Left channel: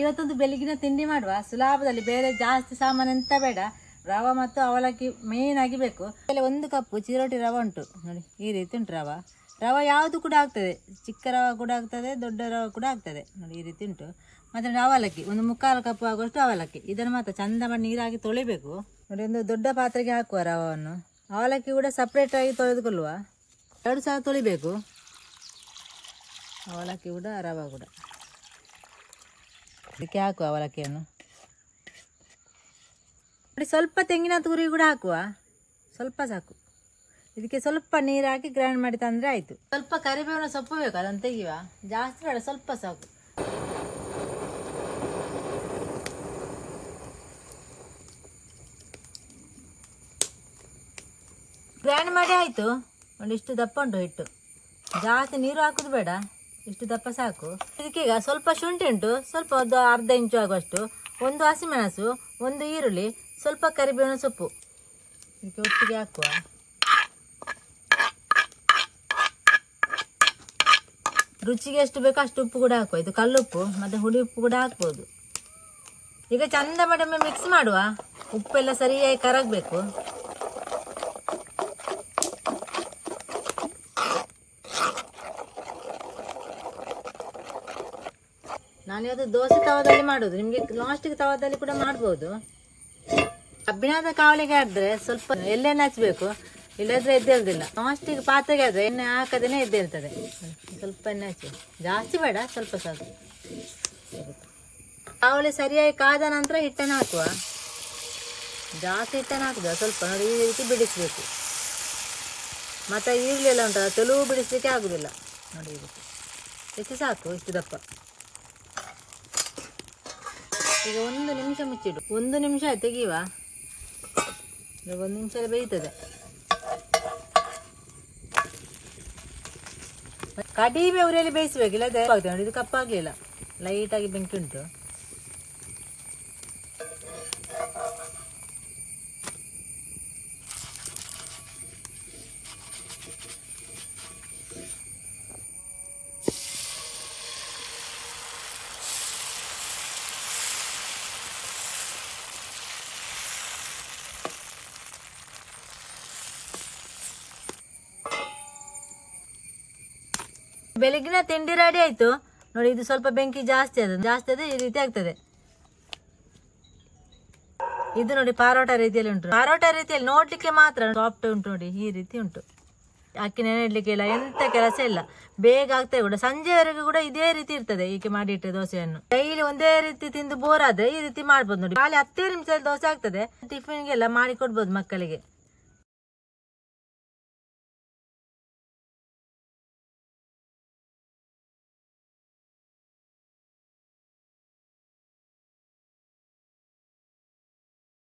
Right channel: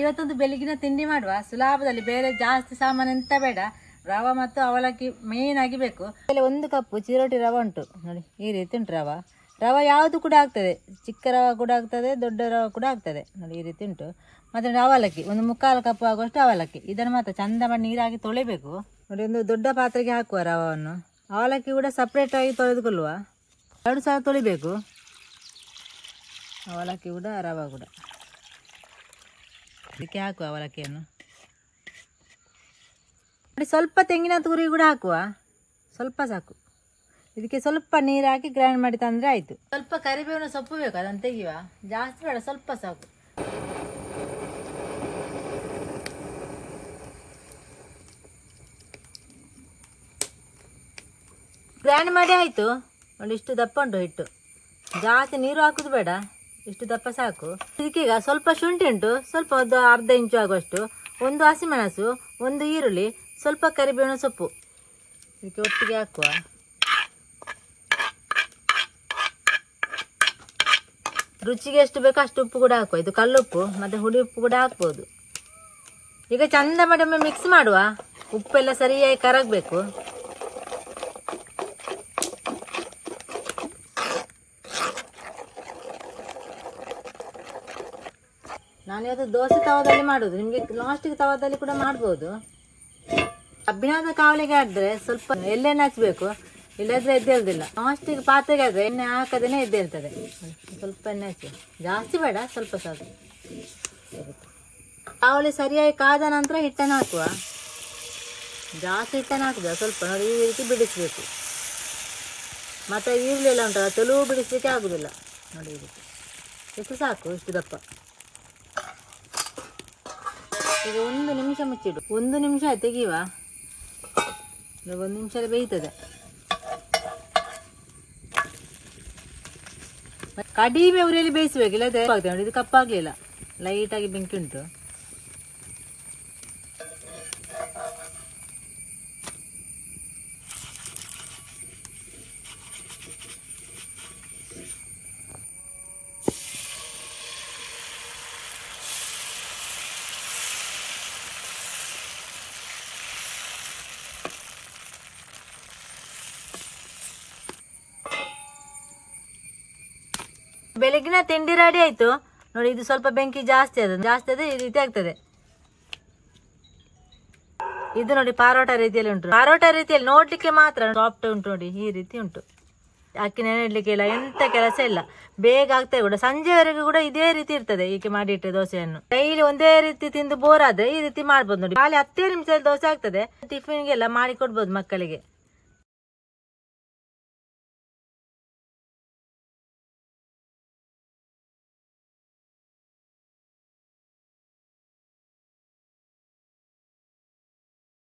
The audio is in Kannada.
ಇವತ್ತೊಂದು ಬೆಳಗಿನ ತಿಂಡಿ ಮಾಡುವ ಸುಲಭದಲ್ಲಿ, ಬೇರೆ ಜಾಸ್ತಿ ಸಾಮಾನು ಎಂತ ಬೇಡ. ರವೆ ಮತ್ತು ಅವಲಕ್ಕಿ ಮೇನ್ ಆಗಿ ಬೇಕು. ಒಂದು ಕಪ್ಪು ಚಿರೋಟಿ ರವೆ ಉಂಟು ನೋಡಿ, ಈ ರೀತಿ ಉಂಟು ರವೆ. ರವೆ ಯಾವುದು ಕೂಡ ಆಗ್ತದೆ, ಚಿಕ್ಕ ರವೆ ಕೂಡ ಆಗ್ತದೆ, ದೊಡ್ಡ ರವೆ ಕೂಡ ಆಗ್ತದೆ ನೋಡಿ, ಈ ರೀತಿ ಉಂಟು. ಮತ್ತು ಅವಲಕ್ಕಿ ಒಂದು 3/4 ಕಪ್ ಆಗುವಷ್ಟು ಅವಲಕ್ಕಿ. ಇದನ್ನು ಮಾತ್ರ ಚಂದ ಮಾಡಿ ನೀರಾಗಿ ತೊಳೆಬೇಕು ನೋಡಿ. ಒಂದು ದೊಡ್ಡ ಪಾತ್ರೆಗೆ ಹಾಕುವ ರವೆಯನ್ನು. ಅವಲಕ್ಕಿ ಕೂಡ ಸಪ್ರೇಟಾಗಿ ತೊಳೆದುಕೊಳ್ಳುವ. 2 ಸಲ ತೊಳಿಬೇಕು ಅವಲಕ್ಕಿ ಕೂಡ ರವೆ ಕೂಡ. ಇದಕ್ಕೆ ಹಾಕುವ ಅವಲಕ್ಕಿಯನ್ನು ನೋಡಿ. ಸ್ವಲ್ಪ ತೆಂಗಿನ ತುರಿ ಕೂಡ ಹಾಕುವ, ಸ್ವಲ್ಪ ಸಾಕು. ಇದಕ್ಕೆ ಸ್ವಲ್ಪ ನೀರು ಹಾಕಿ ಗ್ರೈಂಡ್ ಮಾಡಿ ತಂದರೆ ಆಯಿತು. ಸ್ವಲ್ಪ ಕರಿಬೇವಿನ ಸೊಪ್ಪು ಬೇಕು, ಅದನ್ನು ತೆಗೆಯುವ. ಜಾಸ್ತಿ ಬೇಡ, ಸ್ವಲ್ಪ ಸಾಕು. ಗ್ರೈಂಡ್ ಮಾಡಿ ಆಯಿತು ನೋಡಿ. ಇಷ್ಟು ದಪ್ಪ ಉಂಟು ಹಿಟ್ಟು. ಜಾಸ್ತಿ ನೀರು ಹಾಕೋದು ಬೇಡ, ಇಷ್ಟು ದಪ್ಪ ಸಾಕು. ಇದಕ್ಕೀಗ ಸ್ವಲ್ಪ ಶುಂಠಿ ಉಂಟು, ಸ್ವಲ್ಪ ಒಂದು ಅರ್ಧ ಇಂಚು ಆಗುವಷ್ಟು. 1 ಹಸಿಮೆಣಸು, 1 ಈರುಳ್ಳಿ, ಸ್ವಲ್ಪ ಕರಿಬೇವಿನ ಸೊಪ್ಪು ಇದಕ್ಕೆ ಒಟ್ಟಿಗೆ ಹಾಕುವ. ರುಚಿಗೆ ಎಷ್ಟು ಬೇಕೋ ಅಷ್ಟು ಉಪ್ಪು ಕೂಡ ಹಾಕುವ. ಇದು ಕಲ್ಲುಪ್ಪು ಮತ್ತು ಹುಳಿ ಉಪ್ಪು ಕೂಡ ಹಾಕ್ಬೋದು. ಈಗ ಚಂದ ಮಾಡಿ ಒಮ್ಮೆ ಮಿಕ್ಸ್ ಮಾಡುವ. ಉಪ್ಪೆಲ್ಲ ಸರಿಯಾಗಿ ಕರಗಬೇಕು. ನಾನಿವತ್ತು ದೋಸೆ ತವದಲ್ಲಿ ಮಾಡೋದು. ನಿಮಗೆ ಲಾಸ್ಟಿಗೆ ತವದಲ್ಲಿ ಕೂಡ ಮಾಡ್ಬೋದು. ಕಬ್ಬಿಣದ ಕಾವಲಿಗೆ ಆದ್ರೆ ಸ್ವಲ್ಪ ಎಣ್ಣೆ ಹಚ್ಚಬೇಕು, ಇಲ್ಲದ್ರೆ ಎದ್ದೇಳುದಿಲ್ಲ. ಲಾಸ್ಟಿಗೆ ಪಾತ್ರೆಗೆ ಆದ್ರೆ ಎಣ್ಣೆ ಹಾಕದೇನೆ ಎದ್ದೇಳ್ತದೆ. ಸ್ವಲ್ಪ ಎಣ್ಣೆ ಹಚ್ಚಿ, ಜಾಸ್ತಿ ಬೇಡ, ಸ್ವಲ್ಪ ಸಾಕು. ಕಾವಲಿ ಸರಿಯಾಗಿ ಕಾದ ನಂತರ ಹಿಟ್ಟನ್ನು ಹಾಕುವ. ಜಾಸ್ತಿ ಹಿಟ್ಟನ್ನು ಹಾಕುದ, ಸ್ವಲ್ಪ ನೋಡಿ ಈ ರೀತಿ ಬಿಡಿಸ್ಬೇಕು. ಮತ್ತೆ ಈರುಳ್ಳಿ ಎಲ್ಲ ಉಂಟಲ್ಲ, ತೆಲುವು ಬಿಡಿಸ್ಲಿಕ್ಕೆ ಆಗುದಿಲ್ಲ ನೋಡಿ. ಈ ರೀತಿ ಎಷ್ಟು ಸಾಕು, ಇಷ್ಟು ದಪ್ಪ. ಈಗ 1 ನಿಮಿಷ ಮುಚ್ಚಿಡು. 1 ನಿಮಿಷ ತೆಗಿಯುವ. 1 ನಿಮಿಷ ಬೇಯ್ತದೆ. ಕಡಿಮೆ ಉರಿಯಲ್ಲಿ ಬೇಯಿಸಬೇಕು, ಇಲ್ಲದೆ ನೋಡಿ ಇದು ಕಪ್ಪಾಗಲಿಲ್ಲ. ಲೈಟಾಗಿ ಬೆಂಕಿ ಉಂಟು. ಬೆಳಗಿನ ತಿಂಡಿ ರೆಡಿ ಆಯ್ತು ನೋಡಿ. ಇದು ಸ್ವಲ್ಪ ಬೆಂಕಿ ಜಾಸ್ತಿ ಅದ ಈ ರೀತಿ ಆಗ್ತದೆ. ಇದು ನೋಡಿ ಪಾರೋಟ ರೀತಿಯಲ್ಲಿ ಉಂಟು. ಪಾರೋಟ ರೀತಿಯಲ್ಲಿ ನೋಡ್ಲಿಕ್ಕೆ ಮಾತ್ರ ಸಾಫ್ಟ್ ಉಂಟು ನೋಡಿ, ಈ ರೀತಿ ಉಂಟು. ಅಕ್ಕಿ ನೆನೆಡ್ಲಿಕ್ಕೆ ಇಲ್ಲ, ಎಂತ ಕೆಲಸ ಇಲ್ಲ, ಬೇಗ ಆಗ್ತದೆ ಕೂಡ. ಸಂಜೆವರೆಗೂ ಕೂಡ ಇದೇ ರೀತಿ ಇರ್ತದೆ. ಹೀಗೆ ಮಾಡಿಟ್ಟೆ ದೋಸೆಯನ್ನು ಡೈಲಿ ಒಂದೇ ರೀತಿ ತಿಂದು ಬೋರ್ ಆದ್ರೆ ಈ ರೀತಿ ಮಾಡ್ಬೋದು ನೋಡಿ. ಖಾಲಿ 10 ನಿಮಿಷದಲ್ಲಿ ದೋಸೆ ಆಗ್ತದೆ. ಟಿಫಿನ್ಗೆಲ್ಲ ಮಾಡಿ ಕೊಡ್ಬೋದು ಮಕ್ಕಳಿಗೆ.